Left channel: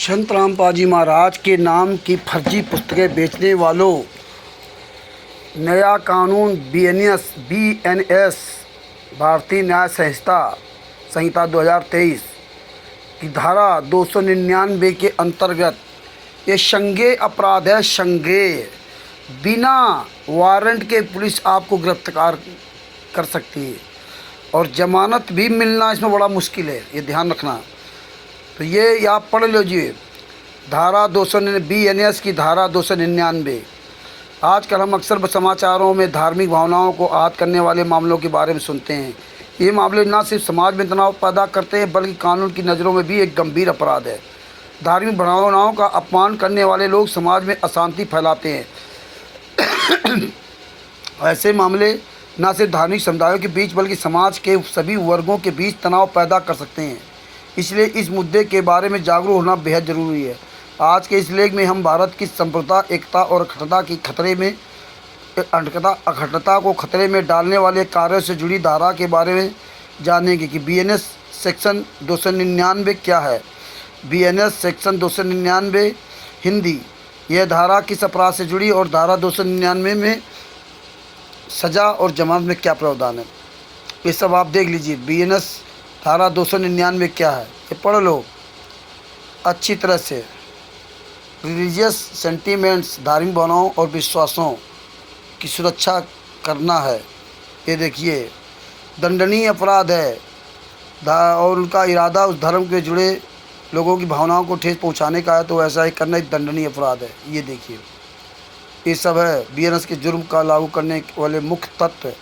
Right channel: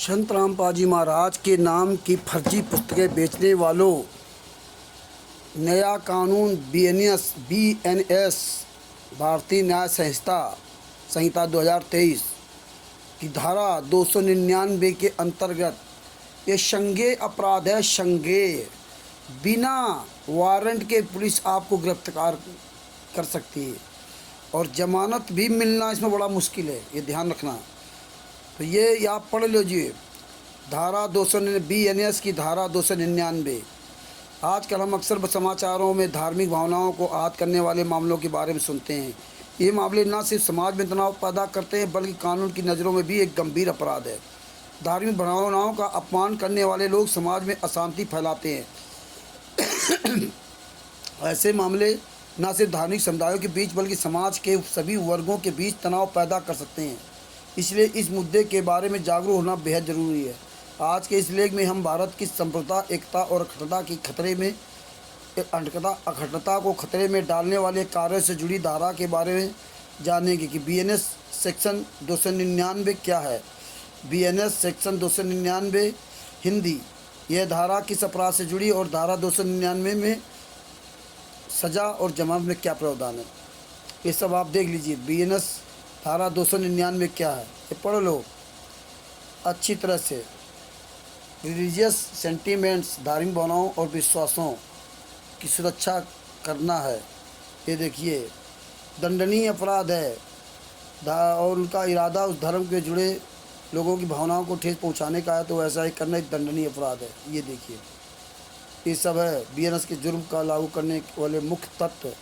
संत रामपाल जी महाराज के नाम की फर्जी पुस्तकें बेचने वालों नया कानून बीएनएस भारतीय न्याय संहिता 2023 की धारा 299 के अंतर्गत ये संज्ञेय अपराध है। संज्ञेय बिना वारंट के पुलिस आपको गिरफ्तार कर सकती है और जमानत भी मिलना इसमें बड़ा मुश्किल है, ये ध्यान रखना। तो ये आप पढ़ लीजिए धारा 299 बीएनएस की धारा 299। आजकल हम अक्सर समाचारों में धार्मिक भावनाओं को आहत करने वाले मामलों के बारे में सुनते हैं। ये मामले न सिर्फ समाज में तनाव पैदा करते हैं बल्कि कानून की नज़रों में भी एक गंभीर अपराध है। धार्मिक भावनाओं का अपमान करने वाले लोग समाज में अशांति फैलाते हैं। ऐसे मामले न सिर्फ धार्मिक समुदायों के बीच बल्कि समाज के सभी वर्गों के बीच तनाव पैदा कर सकते हैं। इसलिए इस मुद्दे के बारे में जागरूक होना बेहद ज़रूरी है। आज के इस लेख में हम भारत की संप्रभुता, एकता और अखंडता को खतरे में डालने वाले कार्यों से जुड़ी धारा के बारे में जानेंगे कि बीएनएस सेक्शन 299 क्या है। बीएनएस सेक्शन 299 हिंदी, यह धारा किस अपराध से जुड़ी और धारा 299 में सज़ा और जमानत में क्या प्रावधान है, ये सब आप देख लीजिए। बीएनएस धारा 299 क्या है ये पढ़ लो अच्छी तरह से। रिलीजियस सेंटीमेंट्स, धार्मिक भावनाओं और विश्वासों की सुरक्षा करना है। ये देखिए दंडनीय अपराध है और उनका इरादा उस धर्म के जुड़े लोगों की भावनाओं को ठेस पहुंचाने का है, तो ऐसा ही करना एक दंडनीय अपराध है। ये देखिए ये सब है बीएनएस के जुर्म का लागू करने वाले मुख्य तत्व।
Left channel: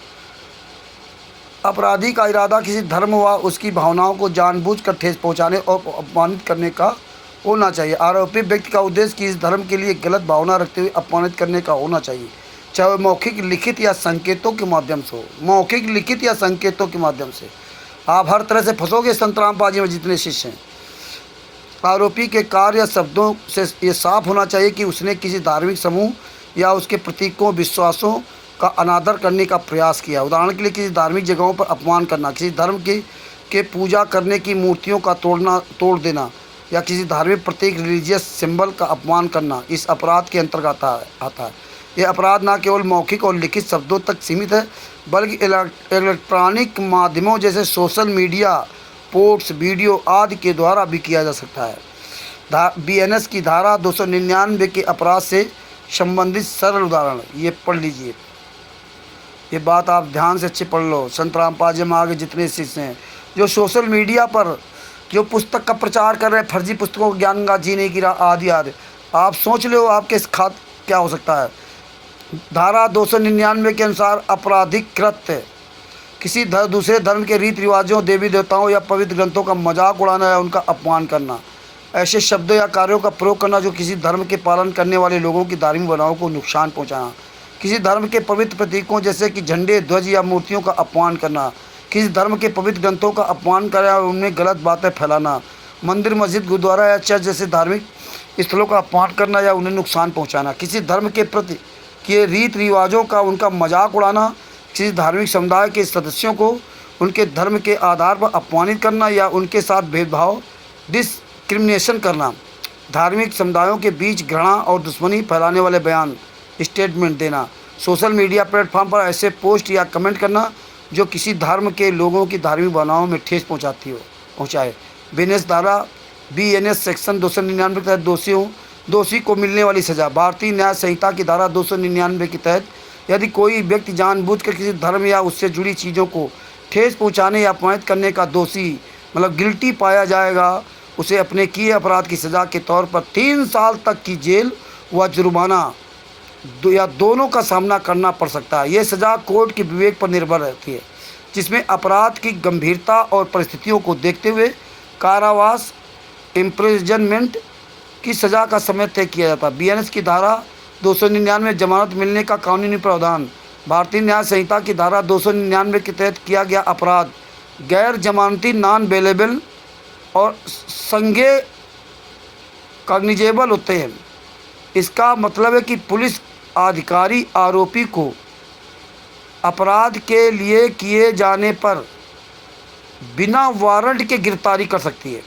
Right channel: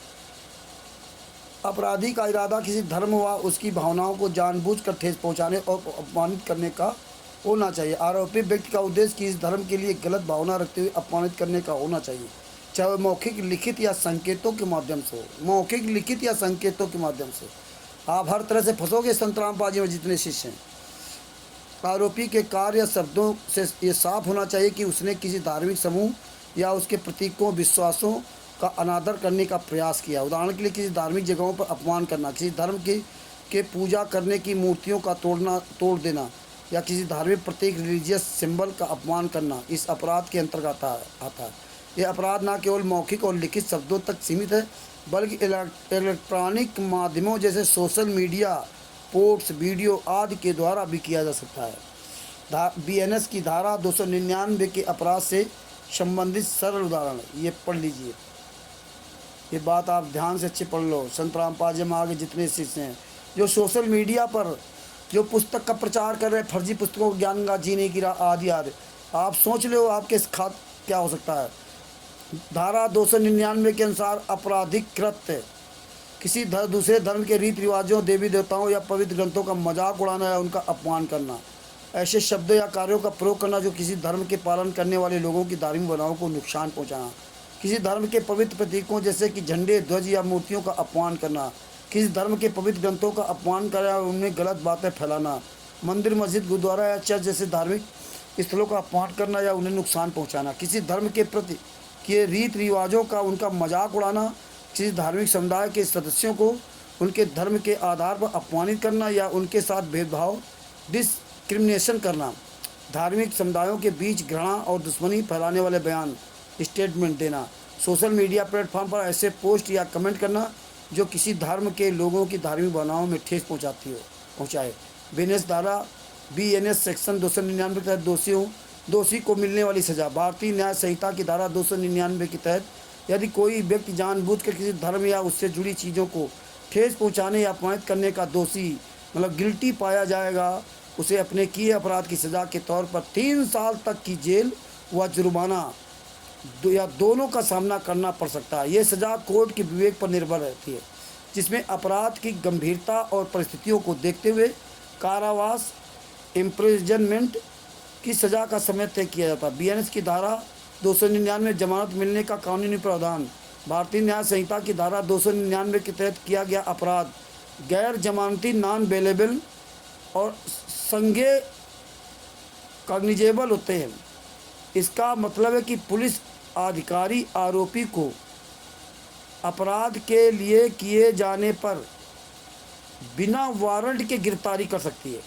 अपराधी का इरादा किसी धर्म व उसकी भावनाओं को जानबूझकर ठेस पहुंचाने और अपमानित करने का होना चाहिए। आरोपी व्यक्ति का उद्देश्य किसी धर्म के लिए गलत भावना रखते हुए अपमानित करने का होना चाहिए, चाहे मौखिक, लिखित या संकेतों के माध्यम से हो। मौखिक, लिखित या संकेतों के माध्यम से आप हर तरह से फंसोगे। संत रामपाल जी में जितने शिष्य हैं, आरोपी के कार्य या शब्दों से ये साफ होना चाहिए कि उसने किसी धार्मिक समूह या उसके प्रतीकों, विश्वासों का अनादर करने का प्रयास किया। उदाहरण के लिए किसी धार्मिक जगहों पर अपमान करना, किसी धर्म के पूजा करने की मूर्तियों का तोड़ देना या किसी धार्मिक प्रतीक, रिलीजियस सिंबल का अपमान करना इस अपराध के अंतर्गत आता है। यह अपराध न केवल मौखिक और लिखित शब्दों तक सीमित है बल्कि इलेक्ट्रॉनिक माध्यमों जैसे सोशल मीडिया पोस्ट, वीडियो आदि के द्वारा भी किया जा सकता है। बीएनएस की धारा 299 के अपराध से संबंधित सरल उदाहरण ये पढ़ लीजिए। ये बात आप ध्यान से अच्छे पढ़ लो। संत रामपाल जी में आगे जितने शिष्य हैं जो सोशल मीडिया पर जो पुस्तक का प्रचार कर रहे हैं, फर्जी पुस्तकों ज्ञान गंगा, जीने की राह आदि आदि, आप सोच लो आपके खात क्या हो सकता है। धारा 299 के अनुसार आपराधिक कृत्य किसी दूसरे धर्म के रीति रिवाजों, देवी देवताओं या पवित्र ग्रंथों का मजाक उड़ाना या उनका अपमान करना, ऐसे शब्दों या कार्यों का प्रयोग करना जो किसी धर्म के पालन करने वाले लोगों की धार्मिक भावनाओं को नुकसान पहुँचाना, किसी धर्म के पवित्र प्रतीकों जैसे कि झंडे, ध्वज या मूर्तियों का अपमान करना, किसी धर्म के पवित्र ग्रंथों का अपमान करना और उनमें गलत बातें फैलाना, मंदिर, मस्जिद, गुरुद्वारा या चर्च जैसे धार्मिक स्थलों का अपमान करना या उन्हें नुकसान पहुंचाना, किसी धर्म के प्रति के रीति रिवाजों का उनका मजाक उड़ाना, किसी धार्मिक समुदाय के सदस्यों को उनके धर्म के आधार पर अपमानित करना या उनके साथ भेदभाव, डिस्क्रिमिनेशन करना, धार्मिक समुदायों के बीच घृणा और दुश्मनी फैलाने वाले बयान, स्टेटमेंट देना, सोशल मीडिया प्लेटफॉर्म पर ऐसे पोस्ट या कमेंट करना जो किसी धर्म के लोगों की धार्मिक भावनाओं में ठेस पहुँचाए। बीएनएस सेक्शन 299 के तहत दोषी को मिलने वाली सज़ा। भारतीय न्याय संहिता की धारा 299 के तहत यदि कोई व्यक्ति जानबूझकर किसी धर्म या उससे जुड़ी चीज़ों को ठेस पहुँचाने या अपमानित करने का दोषी गिल्टी पाया जाएगा, उसे अपने किए अपराध की सज़ा के तौर पर 3 साल तक की जेल व जुर्माना या दोनों का सामना करना पड़ सकता है। यह सज़ा कोर्ट के विवेक पर निर्भर रहती है, जिसमें अपराध की गंभीरता और परिस्थितियों को देखते हुए कारावास, इम्प्रिजनमेंट की सज़ा का समय तय किया जाता है। बीएनएस की धारा 299 में जमानत मिलने का कानूनी प्रावधान। भारतीय न्याय संहिता की धारा 299 के तहत किया गया अपराध गैर जमानती, नॉन बेलेबल और संज्ञेय कॉग्निजेबल होते हैं। इसका मतलब है कि पुलिस अधिकारी आरोपी को अपराध के लिए किए जाने पर बिना वारंट के गिरफ्तारी कर सकती है।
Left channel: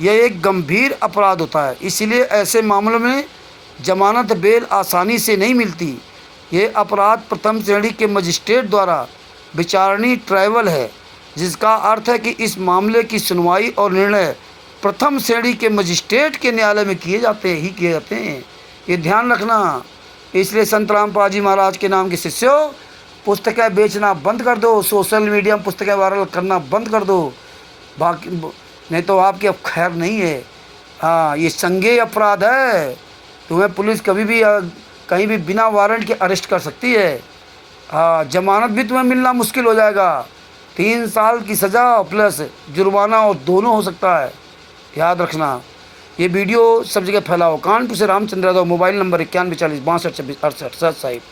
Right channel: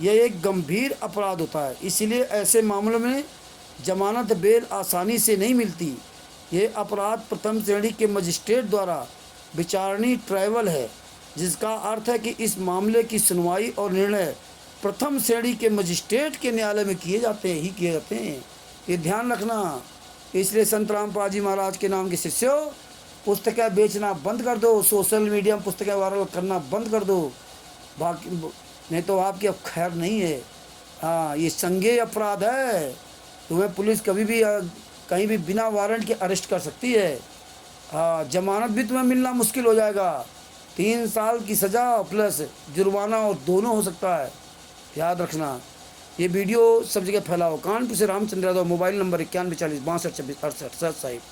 यह एक गंभीर अपराध होता है। इसलिए ऐसे मामलों में जमानत बेल आसानी से नहीं मिलती। ये अपराध प्रथम श्रेणी के मजिस्ट्रेट द्वारा विचारणीय ट्राइबल है, जिसका अर्थ है कि इस मामले की सुनवाई और निर्णय प्रथम श्रेणी के मजिस्ट्रेट के न्यायालय में किए जाते हैं। ये ध्यान रखना। इसलिए संत रामपाल जी महाराज के नाम के शिष्यों, पुस्तकें बेचना बंद कर दो, सोशल मीडिया में पुस्तकें वायरल करना बंद कर दो, बाकी नहीं तो आपकी अब खैर नहीं है। हाँ, ये संज्ञेय अपराध है। तुम्हें पुलिस कभी भी कहीं भी बिना वारंट के अरेस्ट कर सकती है। हाँ, जमानत भी तुम्हें मिलना मुश्किल हो जाएगा। 3 साल की सज़ा प्लस जुर्माना और दोनों हो सकता है, याद रखना। ये वीडियो सब जगह फैलाओ। कानपुर से रामचंद्र यादव, मोबाइल नंबर 9140 62 26 68 साहिब।